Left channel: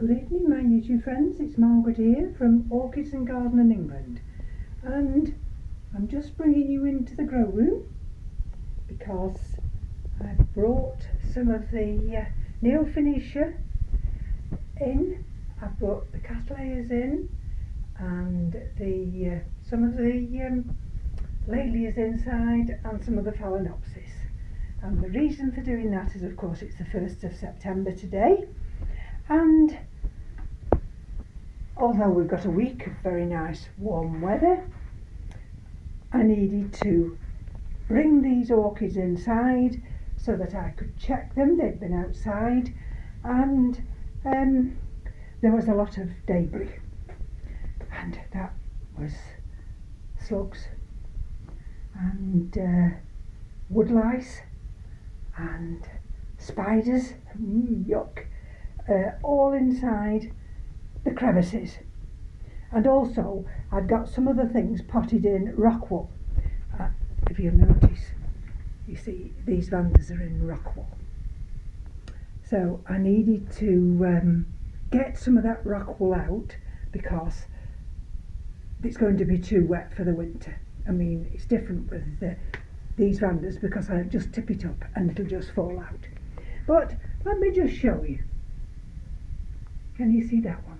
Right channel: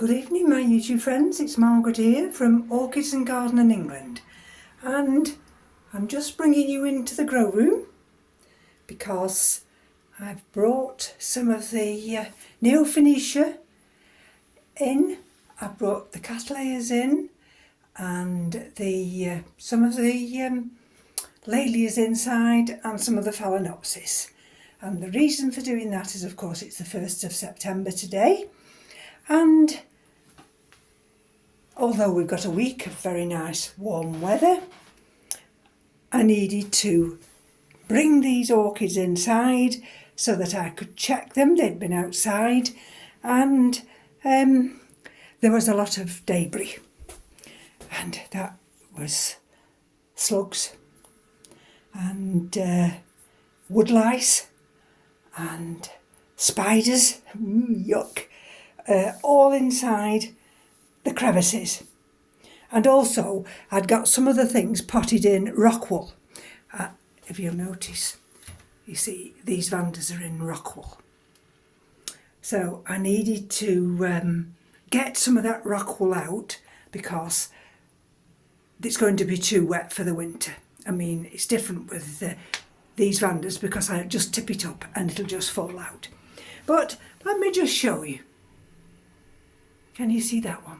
Good evening my YouTube friends, it's Margaret here from Orchids and Garden in England, and I'm just bringing you into the grow room because I've brought some of the Neo-Phoenicia in. I've brought the Cattleyas in and the some of the Lalias inside and some of the Phalaenopsis. And the reason for doing that is, of course, it's the 1st of September today, and although we've got a week of very nice warm weather, I needed to bring these orchids inside so that I could check them. They'd been outside and there was a lot of debris, and that was slugs and woodlice and spiders, yuck, all inside the crevices. And also I'd got some of the things potted in rock wool. If you'll notice, you see these vandas are in rock wool. So I needed to get some of that rock wool out because it's going to be too wet for the winter. I mean, it's different with these vandas because I just tip it up and it'll just fall out. But let me just show you. Can you see that one?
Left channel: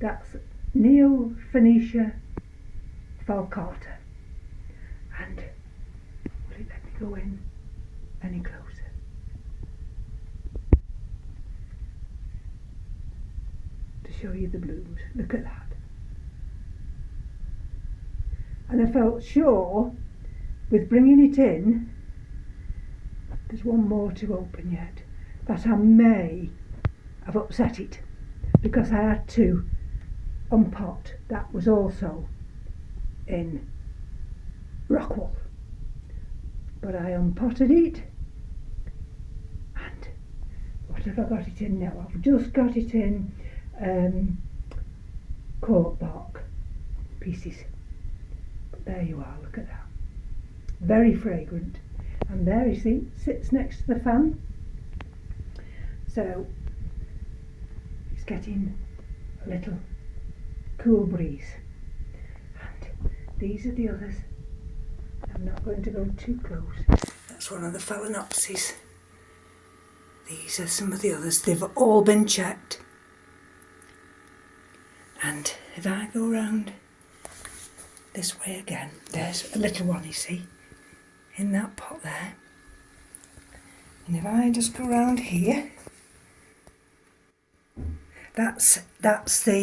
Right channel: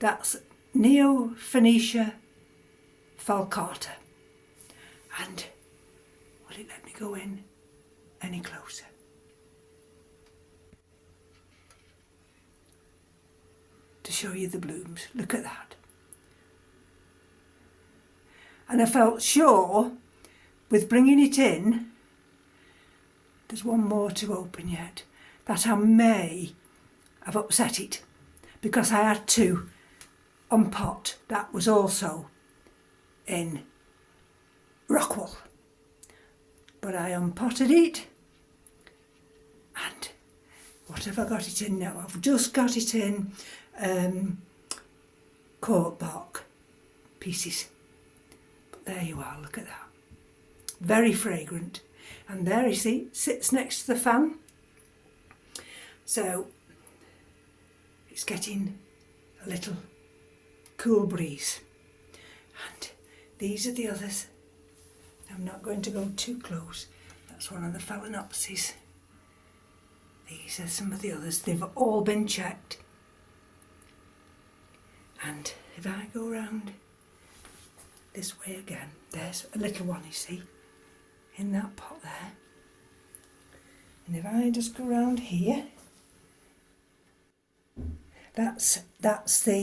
That's Neo-Phoenicia falcata. And will it let me go in any closer? To show you the blooms. Look at that. And I felt sure with bringing it in, there's one more to open yet, that I may have upset it because I had to unpot. That was also in rock wool, but I unpotted it, and what have I got it in now? I've just got it in cork bark pieces. But there you are, look at that, very fragrant. And there you see, sits next to the fan, so it's getting a little cool breeze. And these are the others. I'm not going to go too close. That's one of the Phalaenopsis. These are some of the others. They've all been checked. And if I go round this way again, there's a little one, you see, in that pot there. And if I just go round here, that's the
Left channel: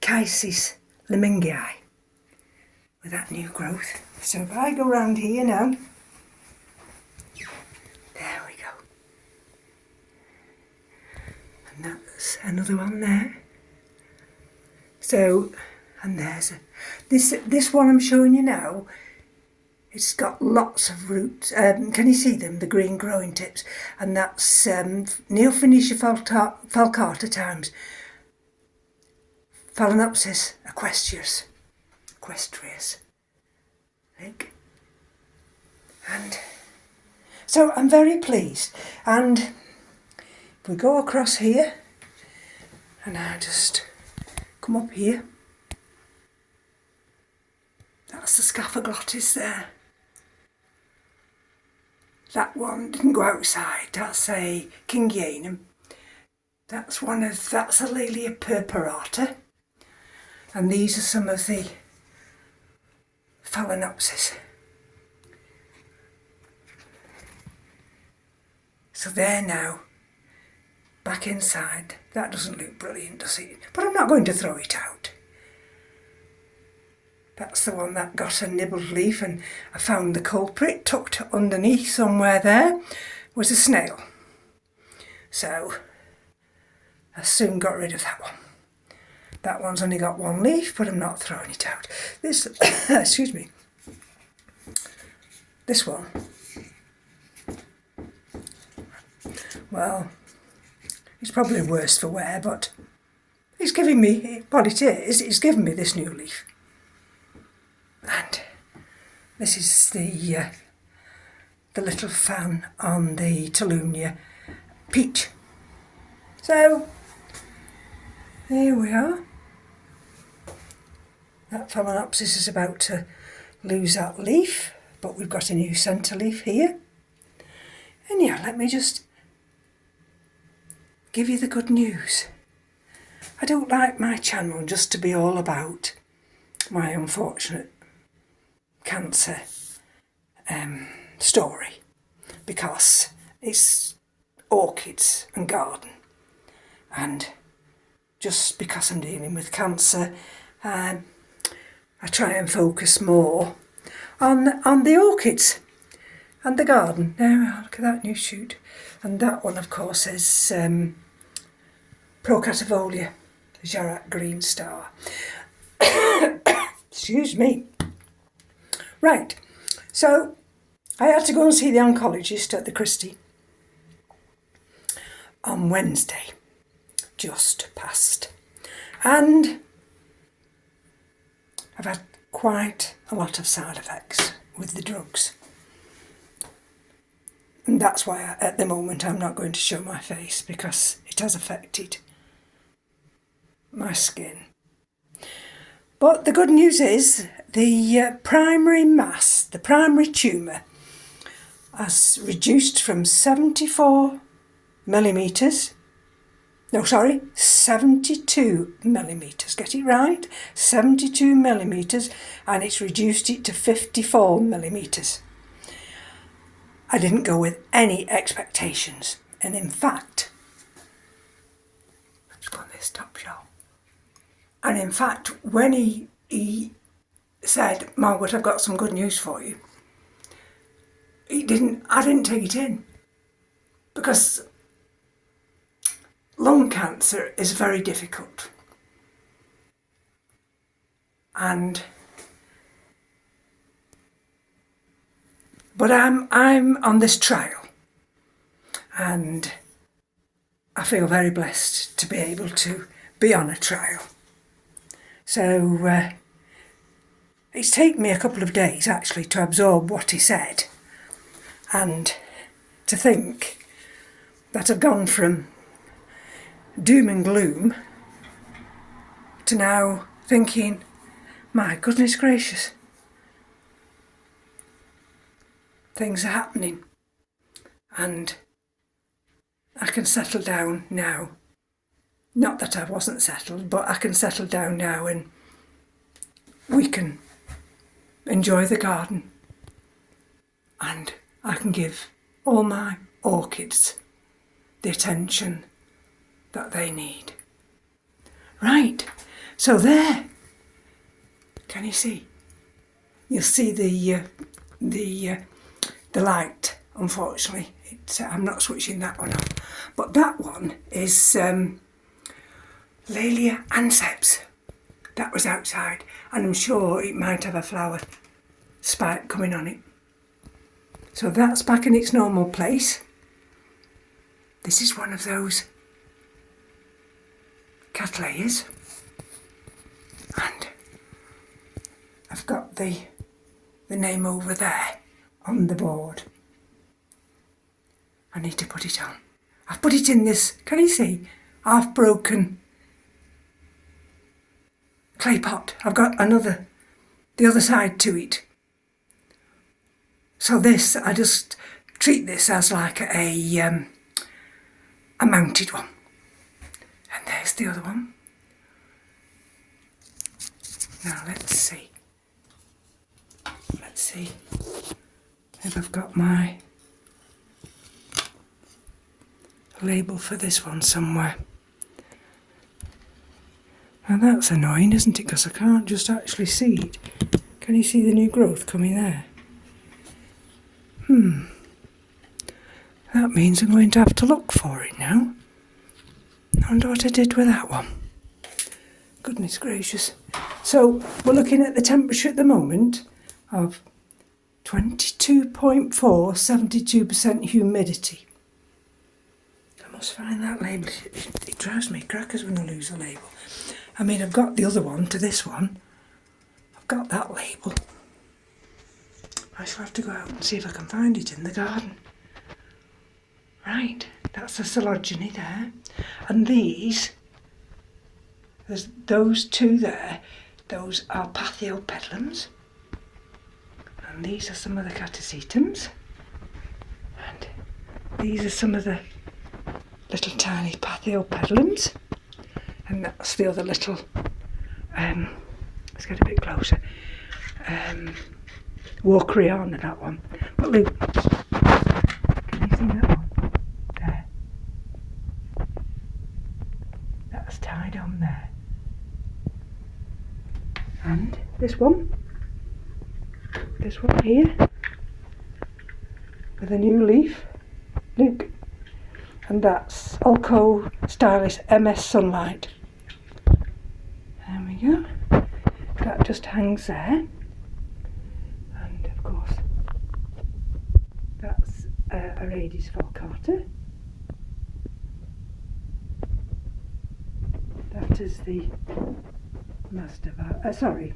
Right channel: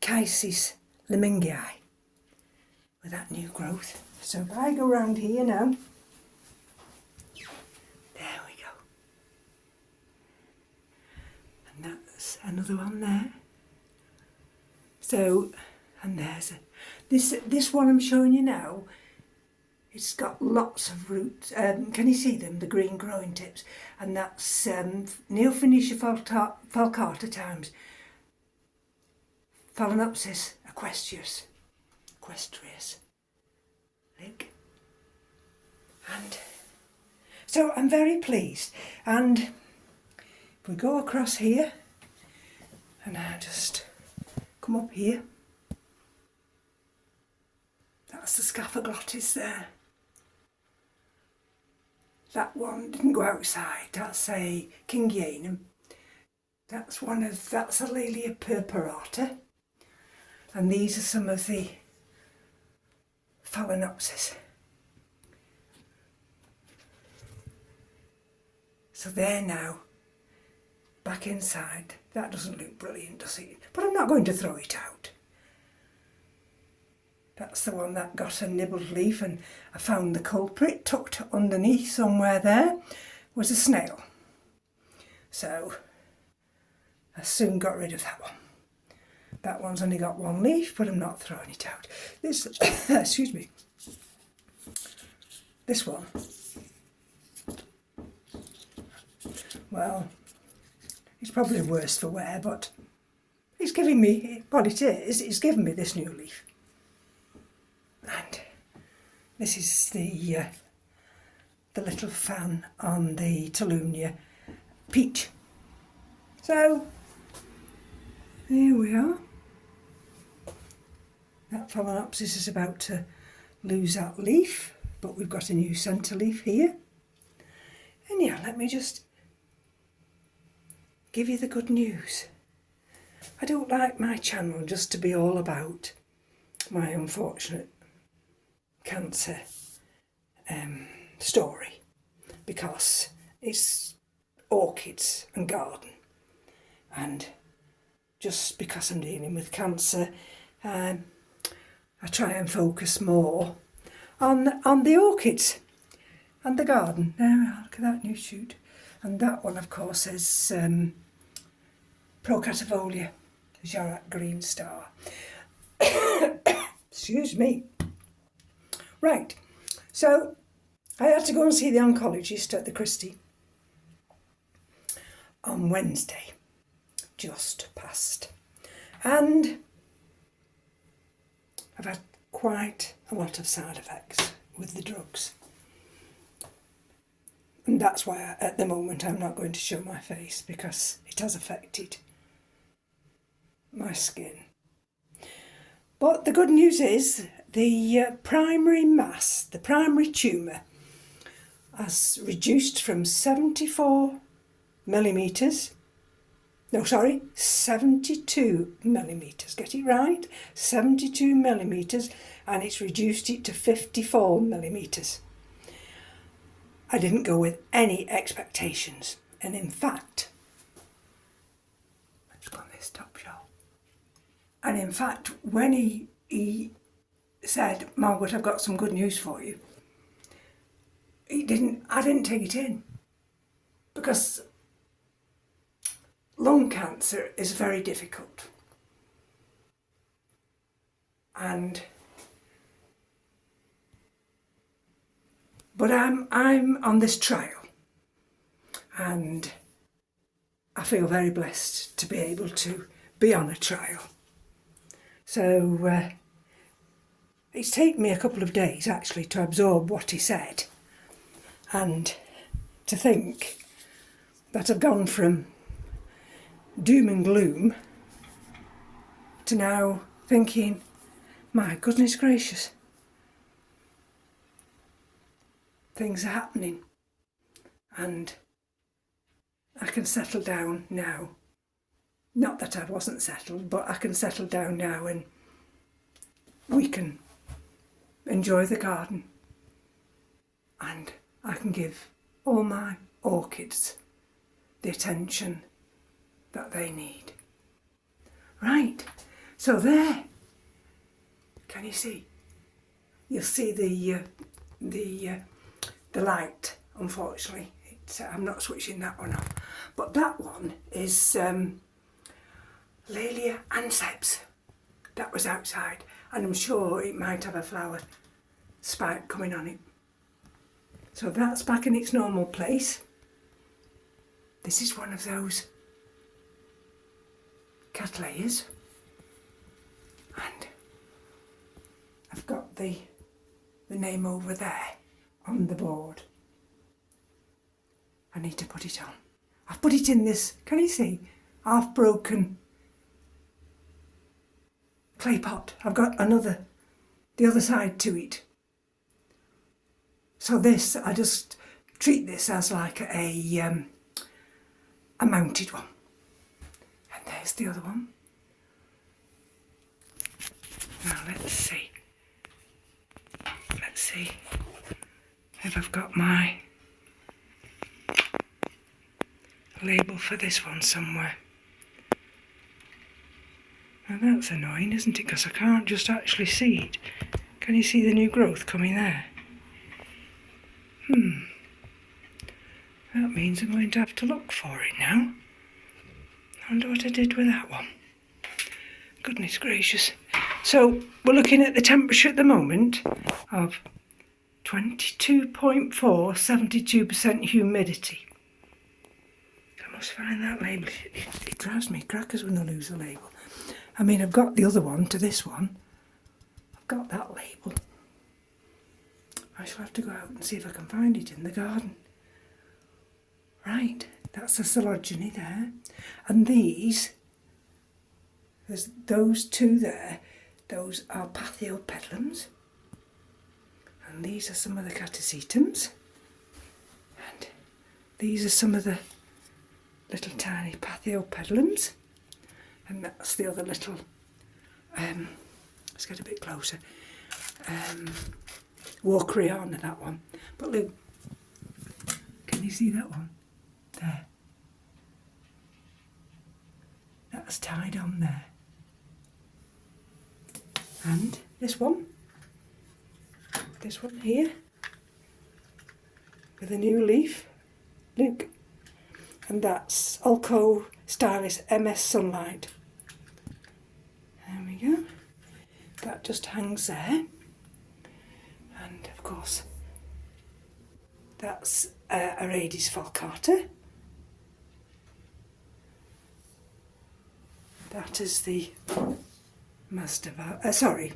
Chysis lemingii with that new growth. So if I go round here now, there we go. And that's another one there. So, and there's this one I'm showing you now. It's got lots of roots. Can you see them? The green growing tips. And that's Neo-Phoenicia falcata times Phalaenopsis equestrius. And so I'm very pleased. And if we go across here, and I just come up here, that's the Scaphoglottis there. That one didn't go outside. That's a Kingianum. That's a Laelia purpurata. And these are some of the Phalaenopsis. So they're now back inside. That doesn't look brilliant, does it? But I'm not going to throw it out. That's the one that got a nibbled leaf, and I found the culprit tucked underneath somewhere there was a snail. So I soon got rid of that one. That one's only got one leaf, but I'm not throwing it out. This, excuse me, this one, well, it's probably worse for wear, but it's giving me, what it is, it's given me this new leaf. And this is the little fan on the Tolunia peach. So Here we are. That Phalaenopsis is about to lose that leaf, but we've got a new centre leaf here. And yeah, let me just give you the good news. I don't like my channel just to be all about my unfortunate cancer story, because it's orchids and garden, and just because I'm dealing with cancer, I try and focus more on the orchids and the garden. Now look at that new shoot, and that one of course is Procativolia, the Jarrett Green Star. Excuse me. Right, so I had to go and see the oncologist at the Christie on Wednesday, just past, and I've had quite a lot of side effects with the drugs, and that's why at the moment I'm not going to show my face, because it has affected my skin. But the good news is the primary mass, the primary tumour, has reduced from 72 millimetres, get it right, 72 millimetres, and it's reduced it to 54 millimetres. I didn't go with any expectations, and in fact, let's go on this top shelf. And in fact, when he said, Margaret, I've got some good news for you, I didn't take it in, because lung cancer is very difficult. But I'm on this trial, and I feel very blessed to be able to be on a trial. So it's taken me a couple of days actually to absorb what he said, and to think that I've gone from doom and gloom to now thinking, my goodness gracious, things are happening, and I can settle down now. Not that I wasn't settled, but I can settle down now, and we can enjoy the garden, and I can give all my orchids the attention that they need. Right, so there, can you see? You'll see the light, unfortunately. I'm not switching that one on, but that one is Laelia anceps. That was outside, and I'm sure it might have a flower spike coming on it. So that's back in its normal place. This is one of those cattleyas, and I've got the name over there on the board. I need to put it on. I've put it in this, can you see, half broken clay pot. I've got the other side to it. So this, I just treat this as like a mounted one. And there's the other one. Now let's see if I've got my label for this one somewhere. Now that's annoying, isn't it? Because I can't just actually see it. Can you see the new growth coming there? That means I'm going to have to look for it now. I wonder what I did with that one. Goodness gracious. So we're looking at the temperature at the moment of 22.4, 72% humidity. I must find that label. It drives me crackers when I lose a label. I mean, I've got the other one to this one. I've got that label. I shall have to go out and see if I can find it in the garden. Right, that's the phylogeny there. And these There's those two there. Those are Pathiopedilums. And these are some of the Catasetums. And these are some of the little tiny Pathiopedilums. And that's the other little, let's get a bit closer, Walkeriana, that one. But look, can you see that one? There. That's tied on there. And this one here, with a new leaf, look. And that's Ulco Stylis MS Sunlight. There we go. That just hangs there. And of course, that's Orchids falcata. That is the Maxillaria.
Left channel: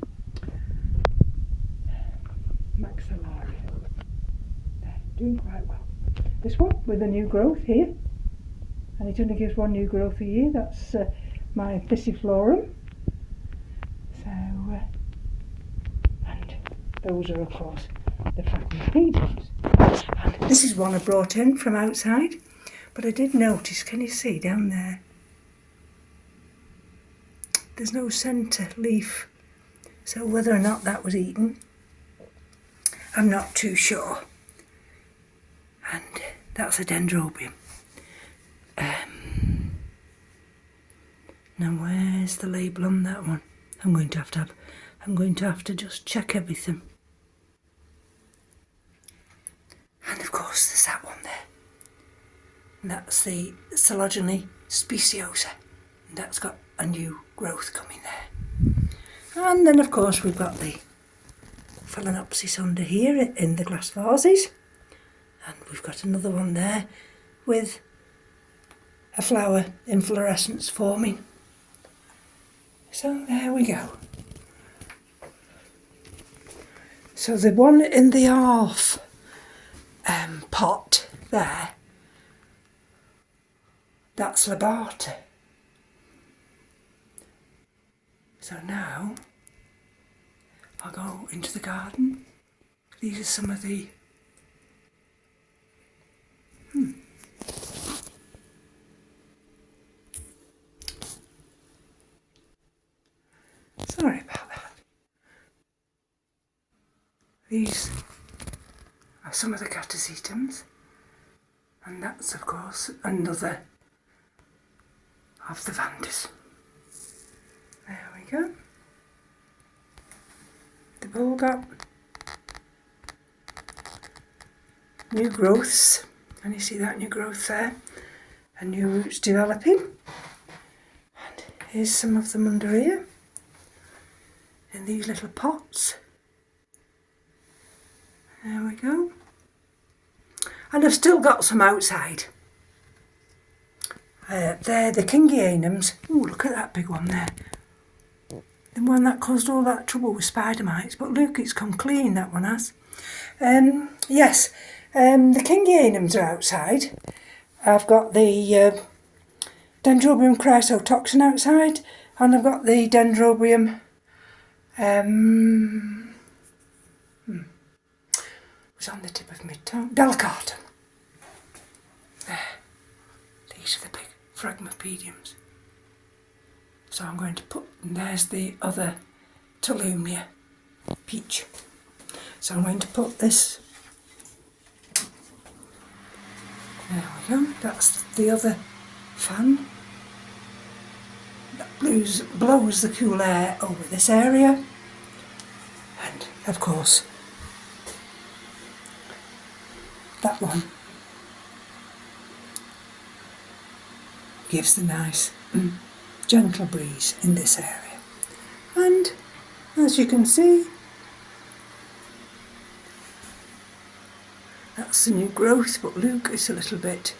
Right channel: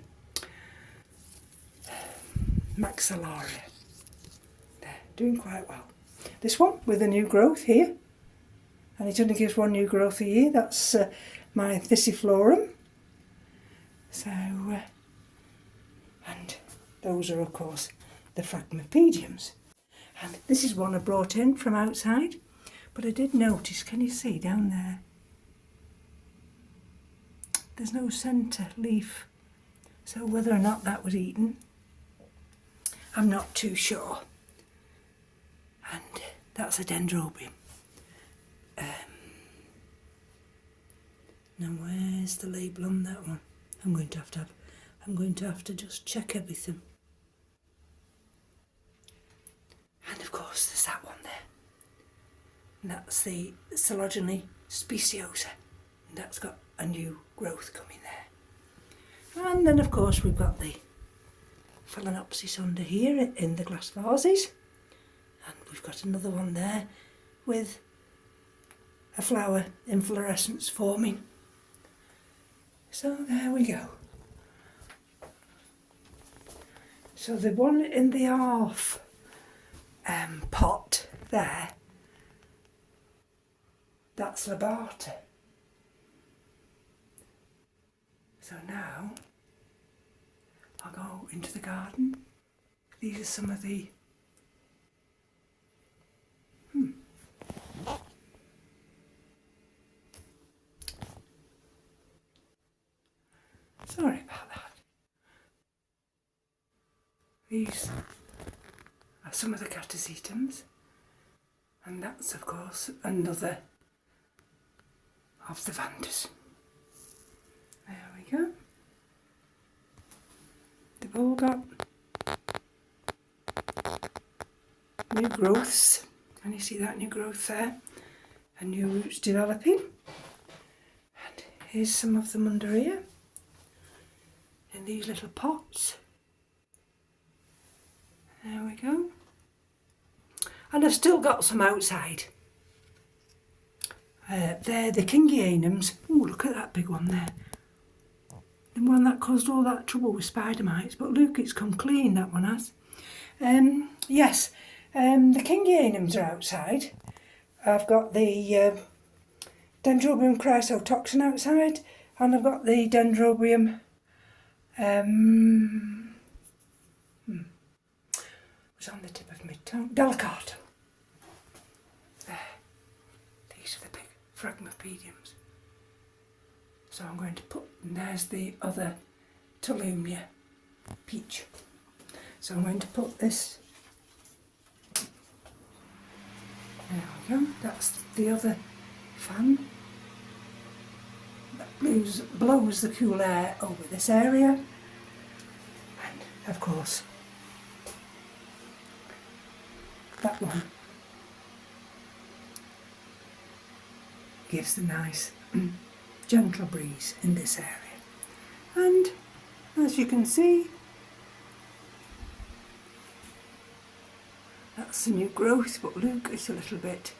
There, doing quite well. This one with a new growth here. And it only gives one new growth a year. That's my Thyssiflorum. So, and those are of course the Phragmipediums. And this is one I brought in from outside, but I did notice, can you see down there? There's no centre leaf, so whether or not that was eaten, I'm not too sure. And that's a Dendrobium. Now where's the label on that one? I'm going to have to just check everything. And of course there's that one there. And that's the Coelogene speciosa. And that's got a new growth coming there. And then of course we've got the Phalaenopsis under here in the glass vases. And we've got another one there with a flower inflorescence forming. So there we go. So the one in the half pot there, that's Labata. So now I'll go into the garden. These are some of the sorry about that. These are some of the Catasetums, and that's of course another of the Vandas. There we go. They've all got new growths. Can you see that new growth there? And new roots developing. And here's some of them under here, in these little pots. There we go. And I've still got some outside. They're the Kingianums. Ooh, look at that big one there. The one that caused all that trouble with spider mites. But look, it's come clean, that one has. Yes, the Kingianums are outside. I've got the Dendrobium chrysotoxin outside. And I've got the Dendrobium... was on the tip of my tongue. Delicatum. There. These are the big Phragmipediums. So I'm going to put, and there's the other Tolumnia peach. So I'm going to put this, there we go, that's the other fan that blows the cool air over this area. And of course, that one gives the nice gentle breeze in this area. And as you can see, that's the new growth, but look, it's a little bit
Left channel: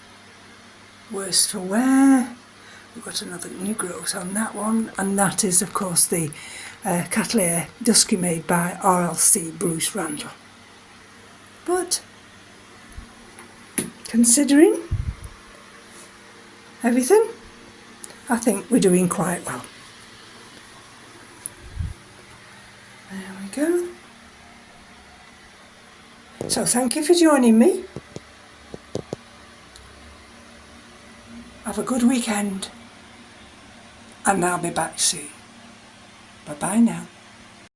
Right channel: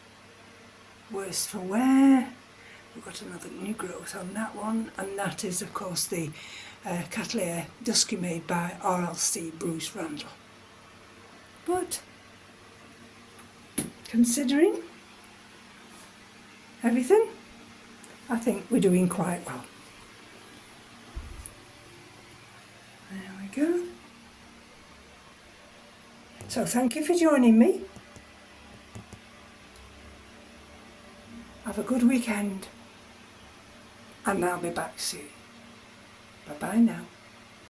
worse for wear. We've got another new growth on that one, and that is of course the Cattleya Dusky made by RLC Bruce Randall. But considering everything, I think we're doing quite well. we go. So thank you for joining me. Have a good weekend. And I'll be back soon. Bye bye now.